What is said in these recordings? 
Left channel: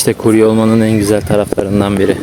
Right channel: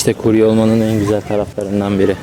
İşte kurye olmanın en güzel taraflarından biri.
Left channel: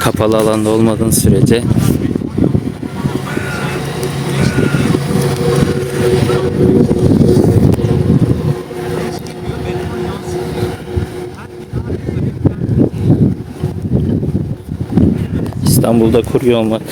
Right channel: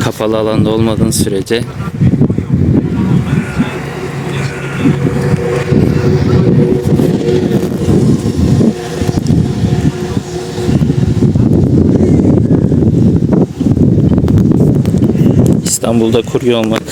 Kapalı alanda olmadığın sürece. İstanbul'da kurye olmak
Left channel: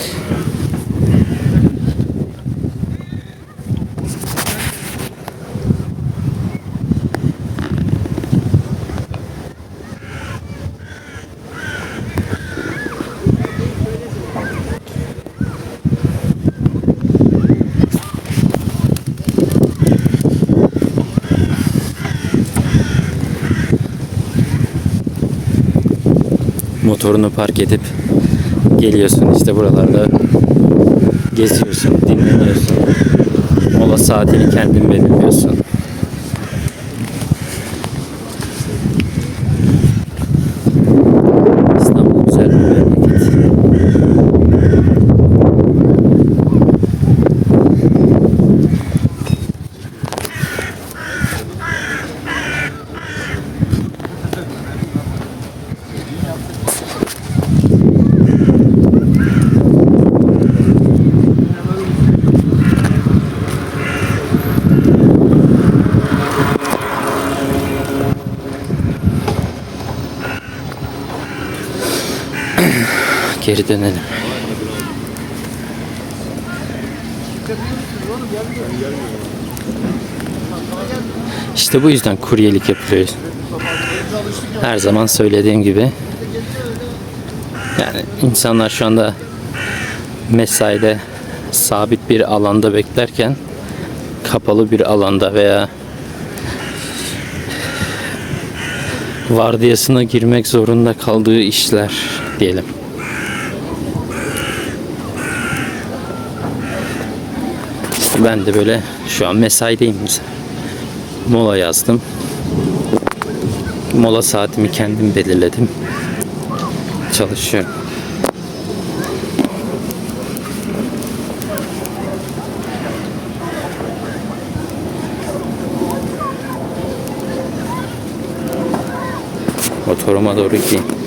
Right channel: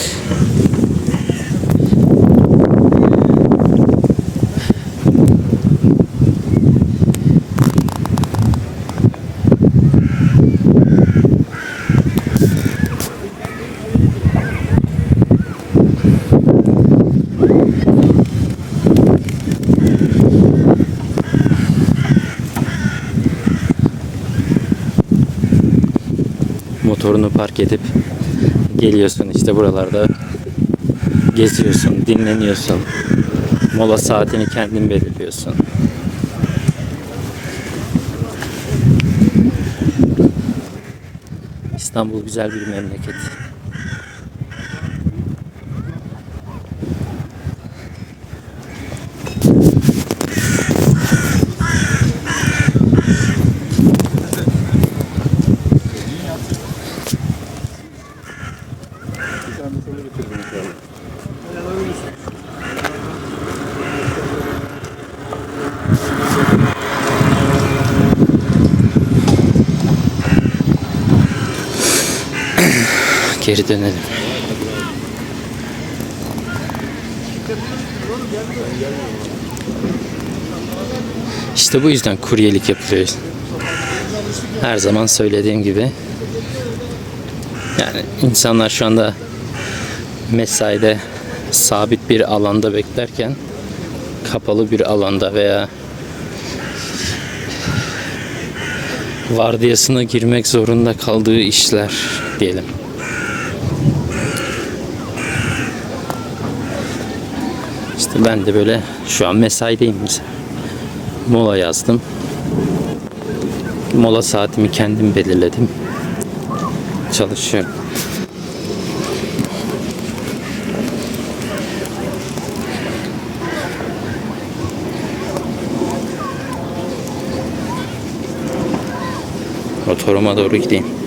motorunu park edip geliyorsun işte buralarda geziyorsun, dinleniyorsun. Mola saatini kendin belirliyorsun. İstanbul güzel bir memleket. Geri dönelim. İşte bu yüzden kuryelik yapılıyor. Her zaman söylediğim gibi. Yani insanlar şu anda mesaide sabit bir alanda beklerken kapalı bir alanda veya vardiyasına girmek zorunda kaldığı işler diyelim. Ben de böyle şu an mesaideyim. Mola yazdım. Mola saatimi kendim belirledim. Çalışıyorum. Motoruma doğru gideyim.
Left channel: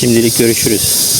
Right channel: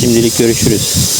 Şimdilik görüşürüz.